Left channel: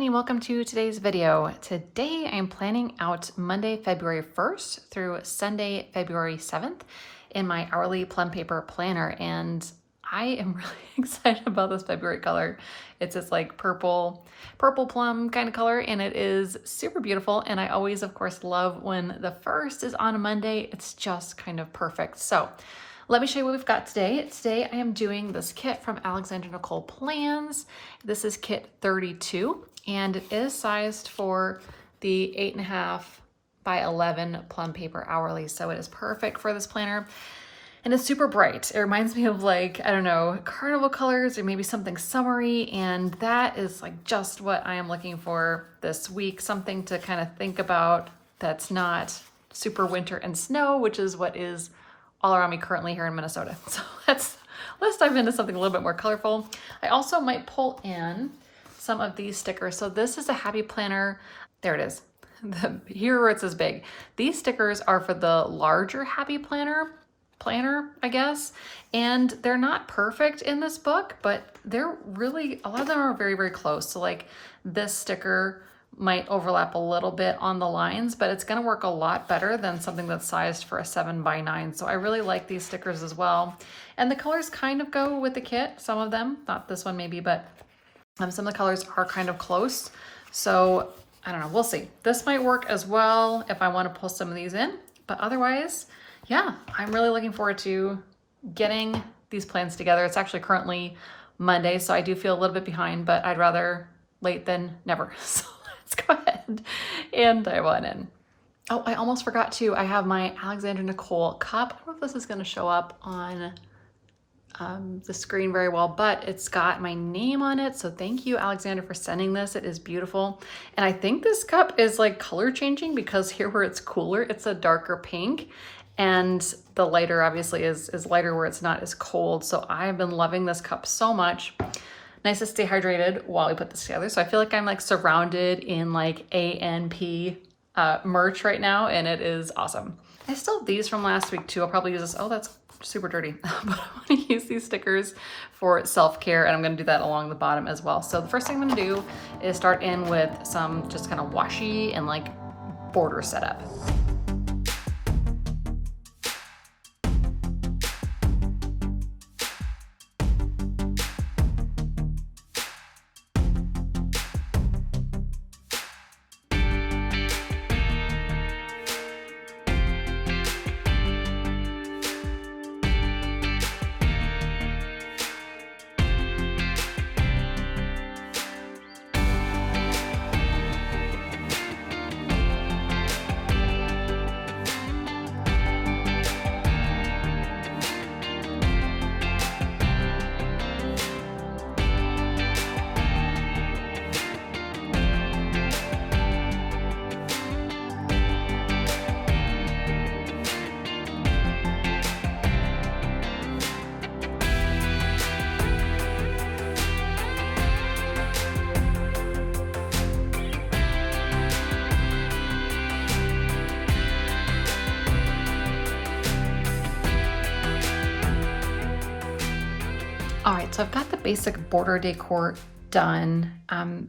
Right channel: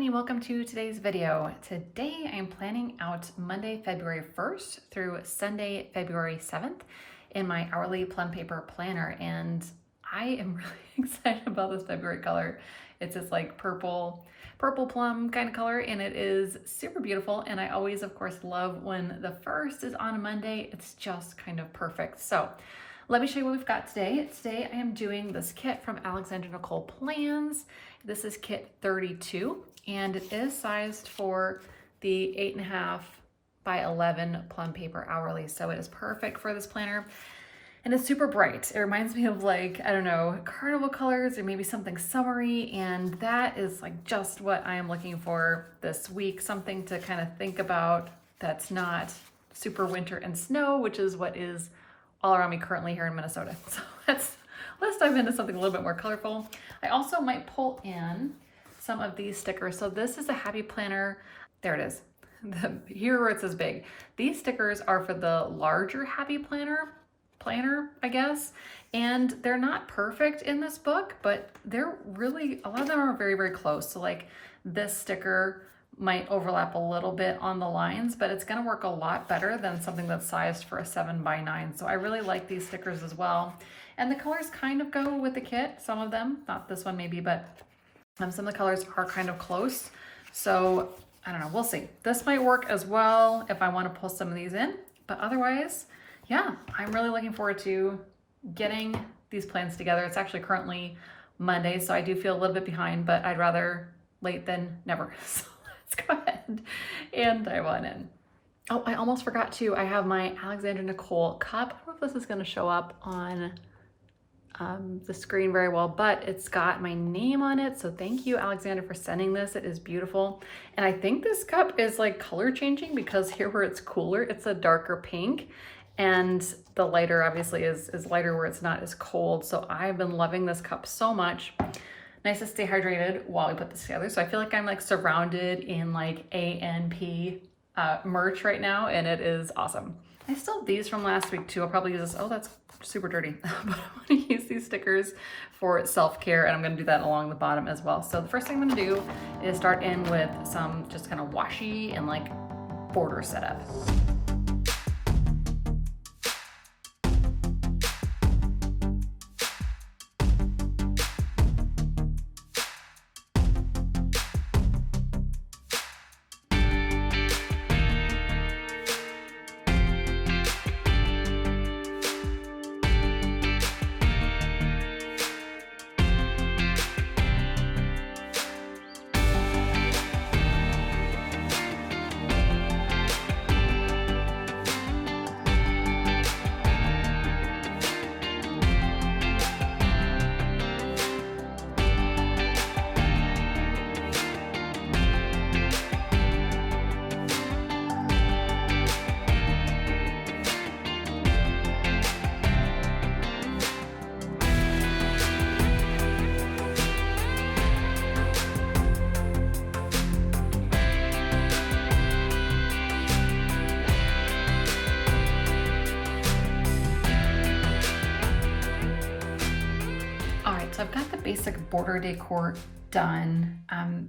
Stephanie, welcome to today's video. Today I'm planning out Monday, February 1st through Sunday, February 7th in my hourly plum paper planner, and I am really excited about this February color. It's this like purple plum kind of color, and it is super beautiful, and I always of course love when the first is on a Monday. It's just kind of perfect. So let me show you what we've got today. Today I am doing this kit from AlexandraNicolePlans. This is kit 32, and it is sized for the 8.5 by 11 plum paper hourly. So it is perfect for this planner. And it's super bright. It reminds me of like, I don't know, carnival colors or maybe something summery. And that is like just what I am looking for this week. Something to kind of think about that's not super winter and snow, which is what is all around me currently here in Minnesota. So let's dive into something a little bit more colorful. I also might pull in some of these stickers. So this is a happy planner. There it is. Here where it says big. These stickers are for the larger happy planner, I guess. And they're not perfect in this book, but they're really, a lot of them are very, very close. So like this sticker might overlap a little bit on the lines, but it's gonna work a lot better than something that's sized for a 7 by 9. So I really like these stickers as well. And the colors kind of go with the kit, some of them, not this one maybe, but some of the colors are kind of close. So I don't know, we'll see. This might work as well if I want to pull some of these in, but otherwise, yeah, I'm really looking forward to getting these plans together. It's actually currently Monday, so I do feel a little bit behind, but I'd rather late than never. So let's go ahead and dive on in. Oh, I almost forgot to, I have my Alexandra Nicole cup. I don't know if this is gonna show up on the screen very well, but it's got my name on it. So thank you, Alexandra, for sending this. It is beautiful. And I think this cup is like color changing because here where it's cooler, it's a darker pink. And the lighter obviously is lighter where it's not as cold. So I've been loving this cup so much. Nice to stay hydrated while we put this together. So I feel like I'm like surrounded in like ANP merch right now, and it is awesome. I still have these from last week too. I'll probably use this. Oh, that's super dirty. But I want to use these stickers for self-care, and I'm going to do that along the bottom as well. So the first thing I'm going to do is start in with some just kind of washi and like border setup. All right, so I've got the basic border decor done.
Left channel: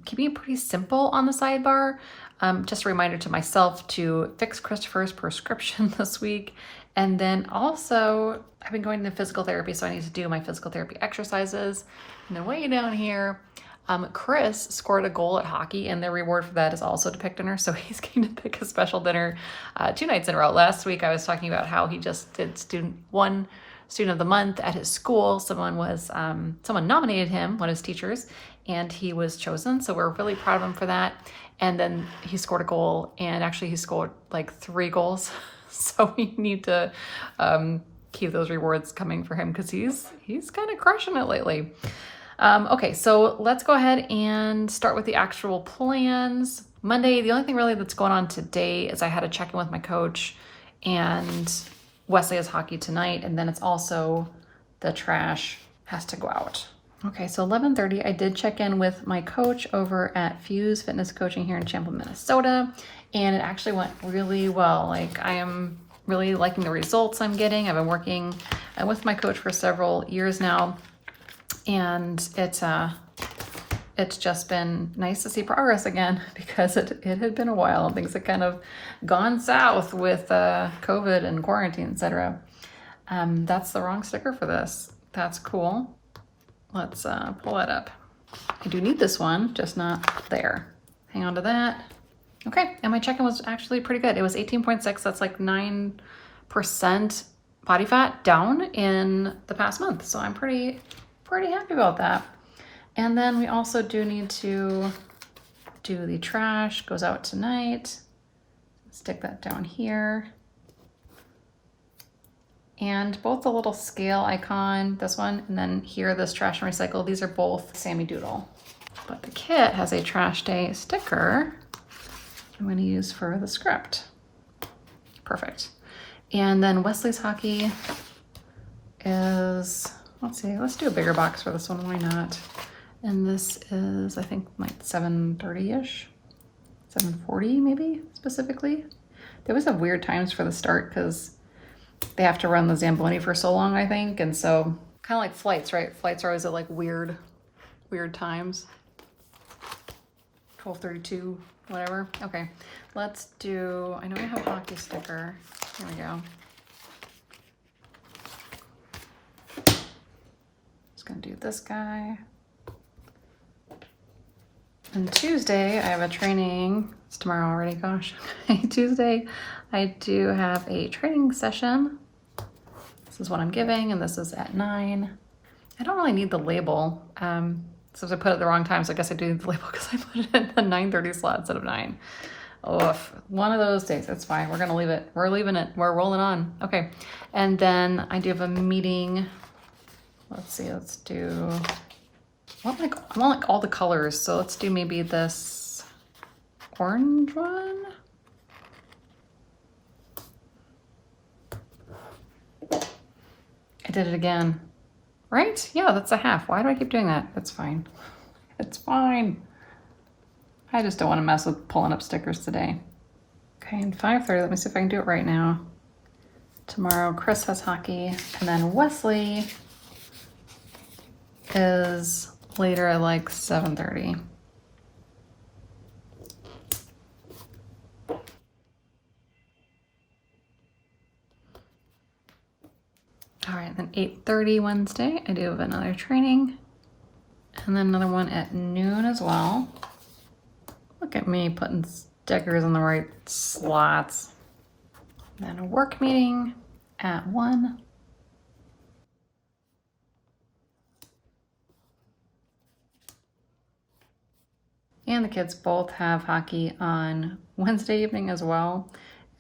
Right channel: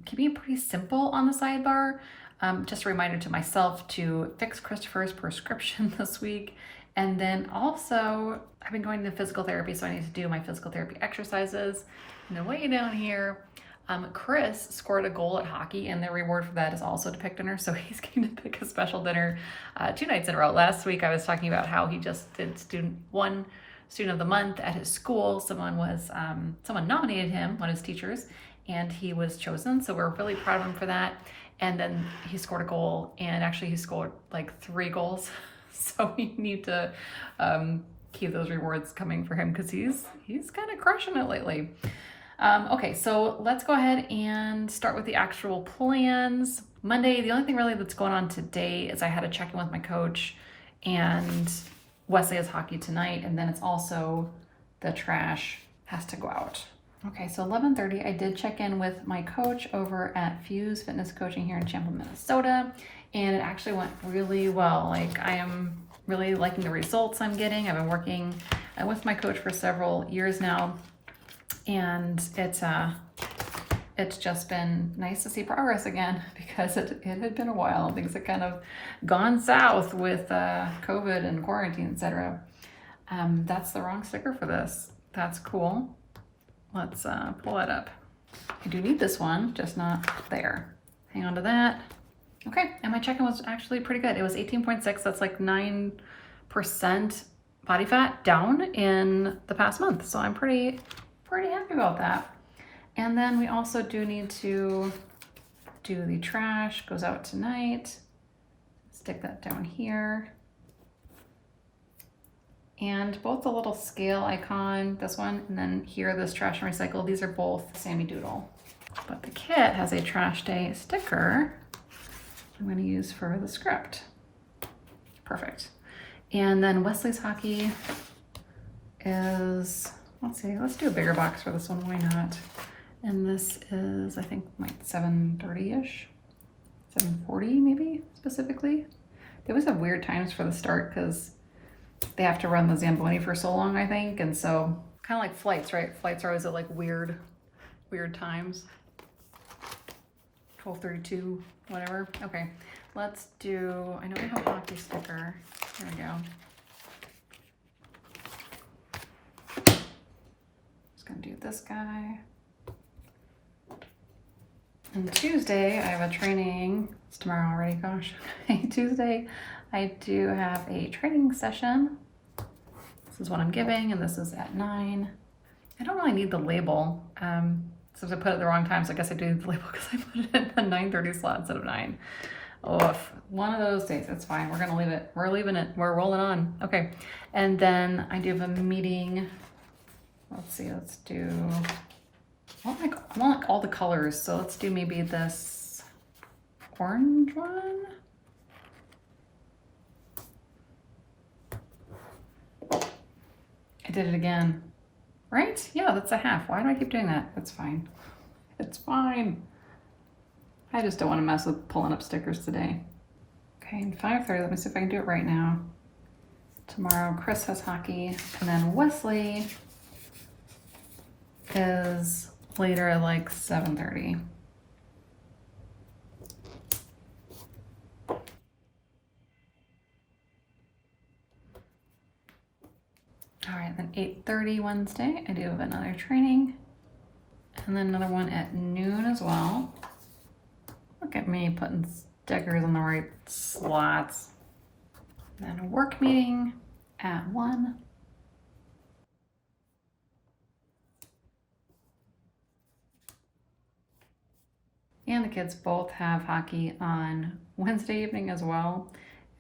Keeping it pretty simple on the sidebar. Just a reminder to myself to fix Christopher's prescription this week. And then also, I've been going to physical therapy, so I need to do my physical therapy exercises. And then way down here, Chris scored a goal at hockey, and the reward for that is also to pick dinner. So he's going to pick a special dinner 2 nights in a row. Last week, I was talking about how he just did Student of the Month at his school. Someone nominated him, one of his teachers, and he was chosen. So we're really proud of him for that. And then he scored a goal, and actually he scored like 3 goals. So we need to keep those rewards coming for him because he's kind of crushing it lately. Okay, so let's go ahead and start with the actual plans. Monday, the only thing really that's going on today is I had to check in with my coach, and Wesley has hockey tonight, and then it's also the trash has to go out. Okay, so 11:30, I did check in with my coach over at Fuse Fitness Coaching here in Champlin, Minnesota, and it actually went really well. Like, I am really liking the results I'm getting. I've been working with my coach for several years now, and it's it's just been nice to see progress again because it had been a while and things had kind of gone south with COVID and quarantine, etc. That's the wrong sticker for this. That's cool. Let's pull that up. I do need this one, just not there. Hang on to that. Okay, and my check-in was actually pretty good. It was 18.6, that's like 9% body fat down in the past month. So I'm pretty happy about that. And then we also do need to do the trash, goes out tonight. Stick that down here. And both the little scale icon, this one, and then here, this trash and recycle, these are both Sammy Doodle. But the kit has a trash day sticker I'm gonna use for the script. Perfect. And then Wesley's hockey is, let's see, let's do a bigger box for this one, why not? And this is, I think, like 7:30-ish, 7:40 maybe, specifically. They always have weird times for the start because they have to run the Zamboni for so long, I think, and so kind of like flights, right? Flights are always at like weird times. 12:32, whatever. Okay, let's do, I know we have a hockey sticker. Here we go. Just gonna do this guy. And Tuesday, I have a training. It's tomorrow already, gosh. Tuesday, I do have a training session. This is what I'm giving, and this is at 9. I don't really need the label. So I put it the wrong time, so I guess I do need the label because I put it in the 9:30 slot instead of 9. Oh, one of those days, that's fine. We're gonna leave it. We're leaving it. We're rolling on. Okay, and then I do have a meeting. Let's see, let's do, I want like all the colors, so let's do maybe this orange one. I did it again. Right? Yeah, that's a half. Why do I keep doing that? That's fine. It's fine. I just don't want to mess with pulling up stickers today. Okay, and 5:30, let me see if I can do it right now. Tomorrow, Chris has hockey, and then Wesley is later at like 7:30. All right, then 8:30 Wednesday, I do have another training. And then another one at noon as well. Look at me putting stickers in the right slots. And then a work meeting at 1. And the kids both have hockey on Wednesday evening as well.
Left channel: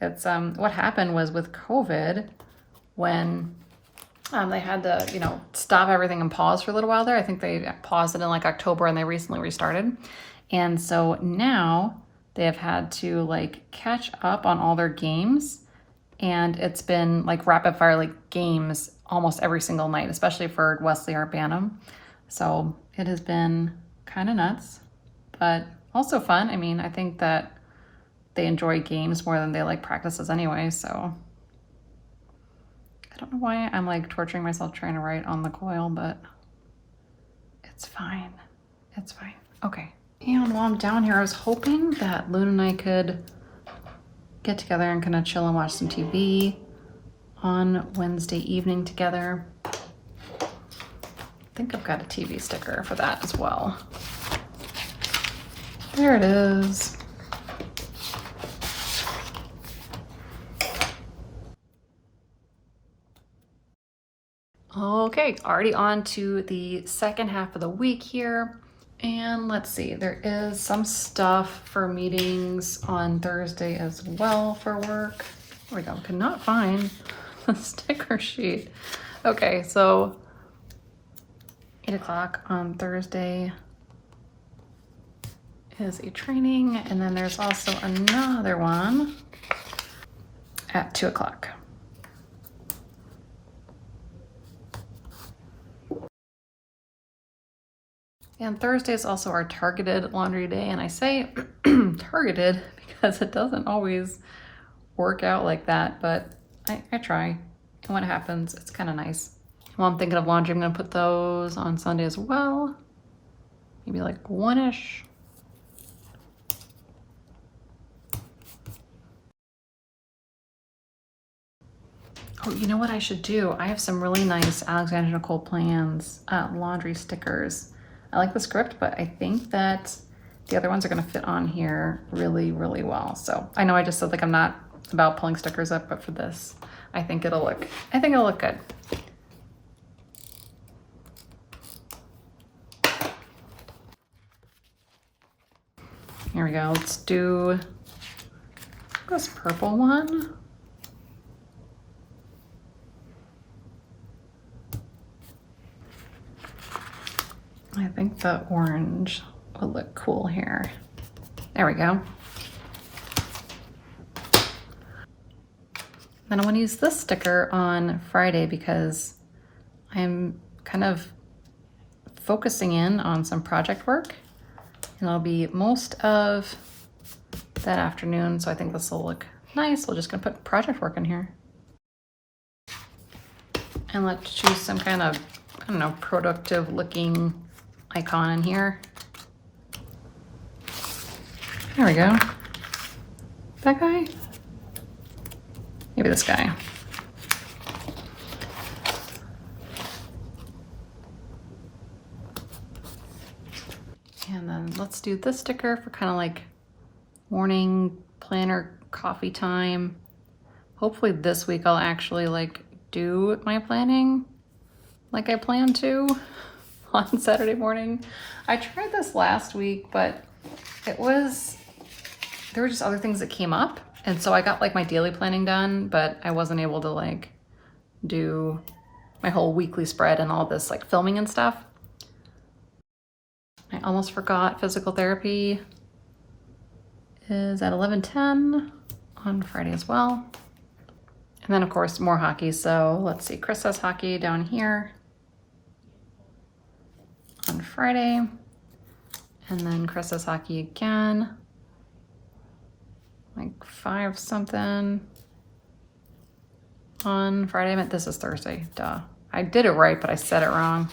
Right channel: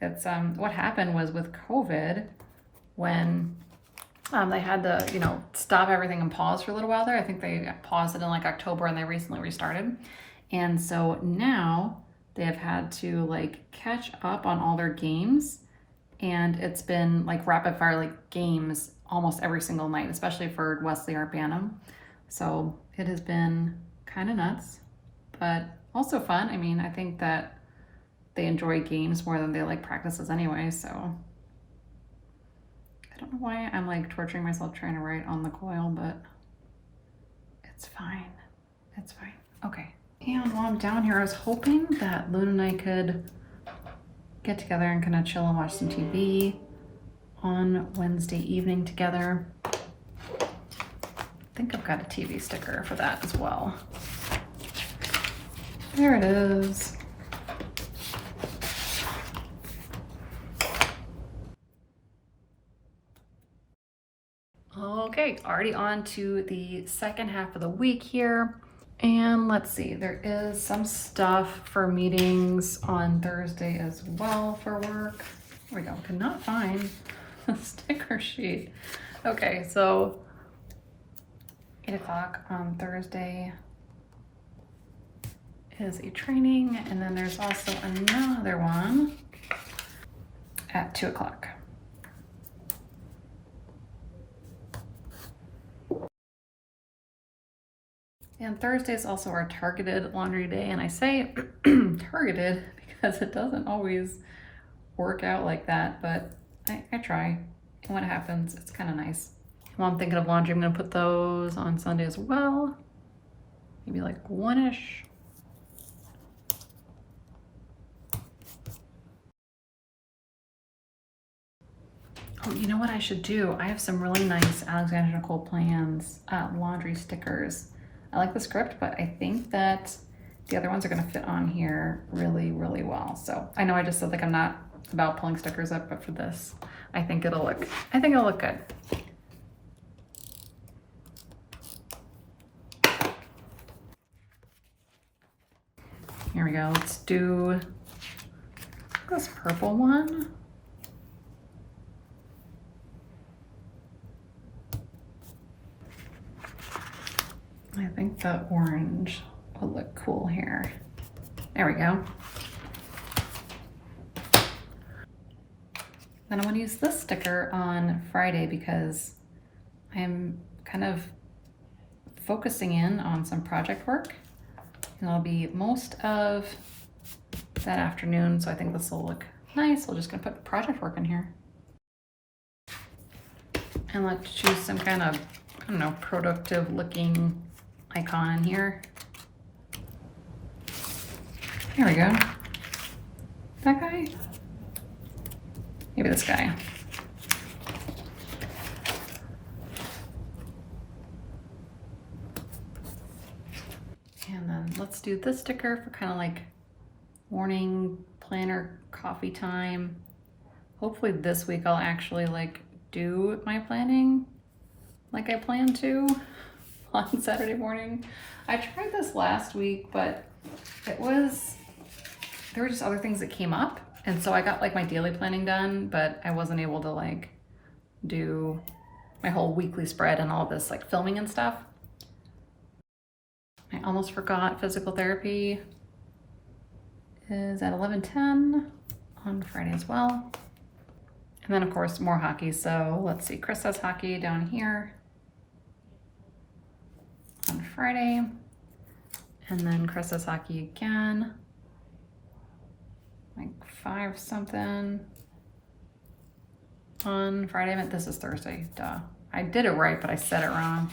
It's what happened was with COVID, when they had to, stop everything and pause for a little while there. I think they paused it in like October and they recently restarted. And so now they have had to like catch up on all their games. And it's been like rapid fire like games almost every single night, especially for Wesley Bantam. So it has been kind of nuts, but also fun. I mean, I think that they enjoy games more than they like practices anyway, so I don't know why I'm like torturing myself trying to write on the coil, but it's fine. It's fine. Okay. And while I'm down here, I was hoping that Luna and I could get together and kind of chill and watch some TV on Wednesday evening together. I think I've got a TV sticker for that as well. There it is. Okay, already on to the second half of the week here. And let's see, there is some stuff for meetings on Thursday as well for work. There we go, could not find the sticker sheet. Okay, so 8 o'clock on Thursday is a training, and then there's also another one at 2 o'clock. And Thursday is also our targeted laundry day, and I say targeted because it doesn't always work out like that, but I try. And when it happens, it's kind of nice. While I'm thinking of laundry, I'm gonna put those on Sunday as well. maybe like one-ish. Oh, you know what I should do? I have some really nice AlexandraNicolePlans laundry stickers. I like the script, but I think that the other ones are gonna fit on here really, really well. So I know I just said like I'm not about pulling stickers up, but for this, I think it'll look good. Here we go. Let's do this purple one. I think the orange would look cool here. There we go. Then I want to use this sticker on Friday because I'm kind of focusing in on some project work, and I'll be most of that afternoon, so I think this will look nice. We're just gonna put project work in here. And let's choose some kind of, I don't know, productive looking icon in here. There we go. That guy? Maybe this guy. And then let's do this sticker for kind of like morning planner coffee time. Hopefully this week I'll actually like do my planning like I plan to on Saturday morning. I tried this last week, but there were just other things that came up. And so I got like my daily planning done, but I wasn't able to like do my whole weekly spread and all this like filming and stuff. I almost forgot physical therapy is at 11:10 on Friday as well. And then of course more hockey. So let's see, Chris has hockey down here on Friday. And then Chris has hockey again, like 5 something on Friday. I meant this is Thursday, duh. I did it right, but I said it wrong.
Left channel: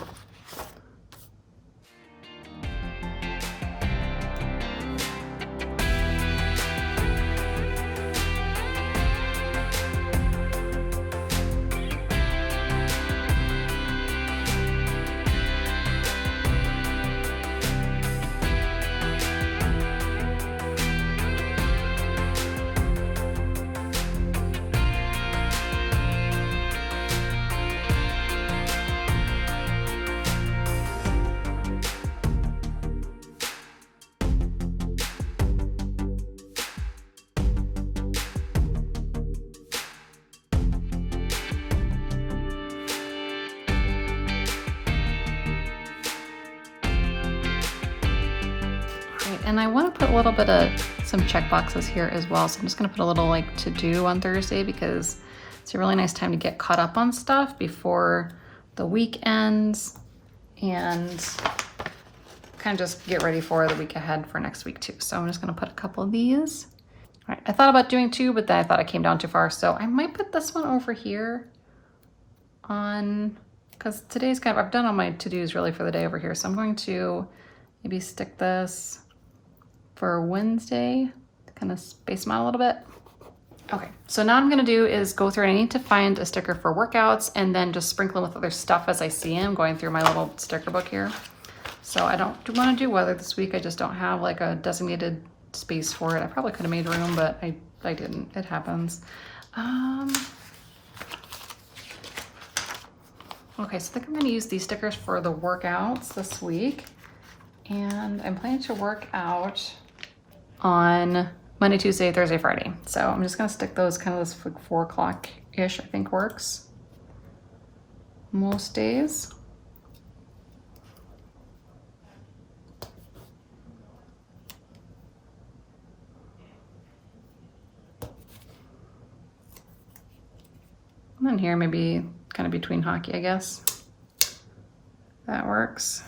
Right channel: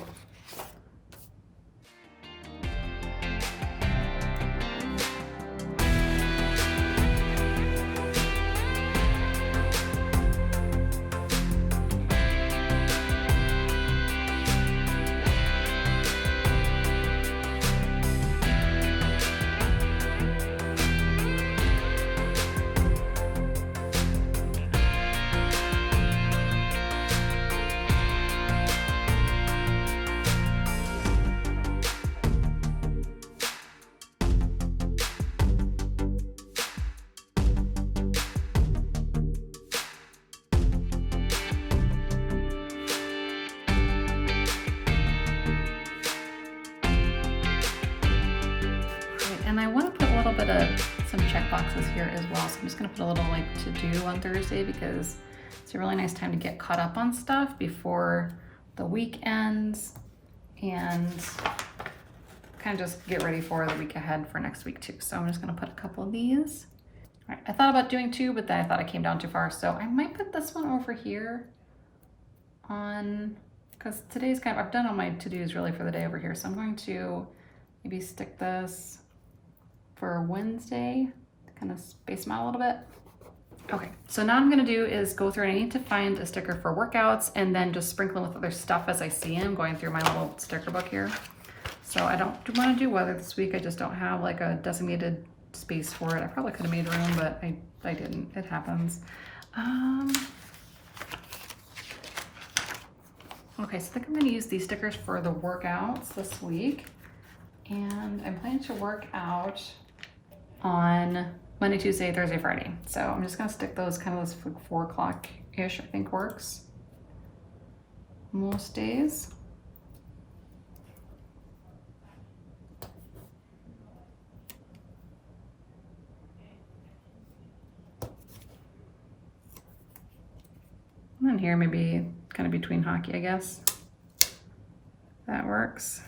And I want to put a little bit of some check boxes here as well. So I'm just going to put a little like to do on Thursday because it's a really nice time to get caught up on stuff before the week ends and kind of just get ready for the week ahead for next week too. So I'm just going to put a couple of these. All right, I thought about doing 2, but then I thought I came down too far. So I might put this one over here on, because today's kind of, I've done all my to-dos really for the day over here. So I'm going to maybe stick this for Wednesday to kind of space them out a little bit. Okay, so now I'm gonna do is go through and I need to find a sticker for workouts and then just sprinkle them with other stuff as I see them, going through my little sticker book here. So I don't want to do weather this week. I just don't have like a designated space for it. I probably could have made room, but I didn't. It happens. Okay, so I think I'm gonna use these stickers for the workouts this week. And I'm planning to work out on Monday, Tuesday, Thursday, Friday. So I'm just gonna stick those kind of this 4 o'clock-ish, I think works most days. And then here, maybe kind of between hockey, I guess. That works.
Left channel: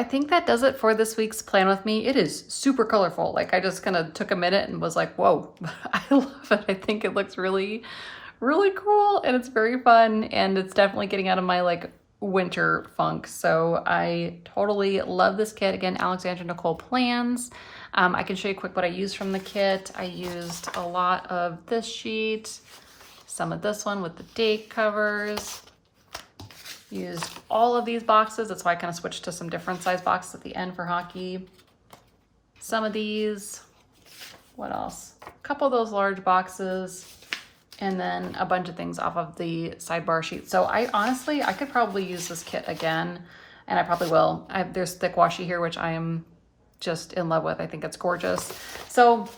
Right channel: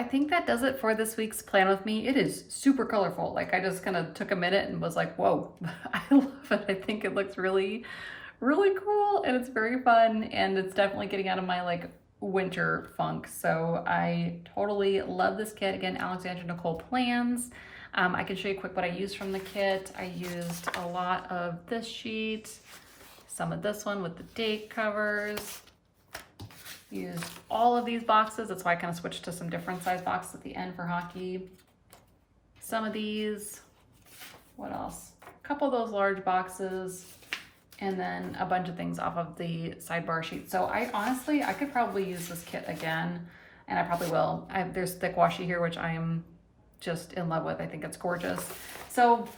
I think that does it for this week's Plan With Me. It is super colorful. Like, I just kind of took a minute and was like, whoa, I love it. I think it looks really, really cool, and it's very fun, and it's definitely getting out of my like winter funk. So I totally love this kit. Again, AlexandraNicolePlans. I can show you quick what I used from the kit. I used a lot of this sheet, some of this one with the date covers, used all of these boxes. That's why I kind of switched to some different size boxes at the end for hockey. Some of these, what else? A couple of those large boxes, and then a bunch of things off of the Sidebar sheet. So I honestly, I could probably use this kit again, and I probably will. There's thick washi here, which I am just in love with. I think it's gorgeous. So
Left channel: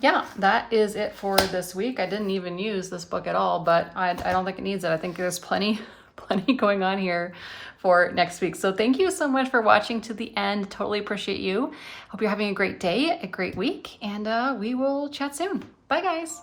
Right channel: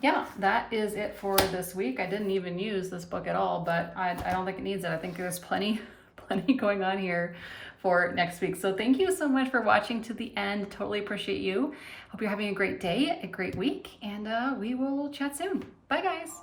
yeah, that is it for this week. I didn't even use this book at all, but I don't think it needs it. I think there's plenty going on here for next week. So thank you so much for watching to the end. Totally appreciate you. Hope you're having a great day, a great week, and we will chat soon. Bye guys.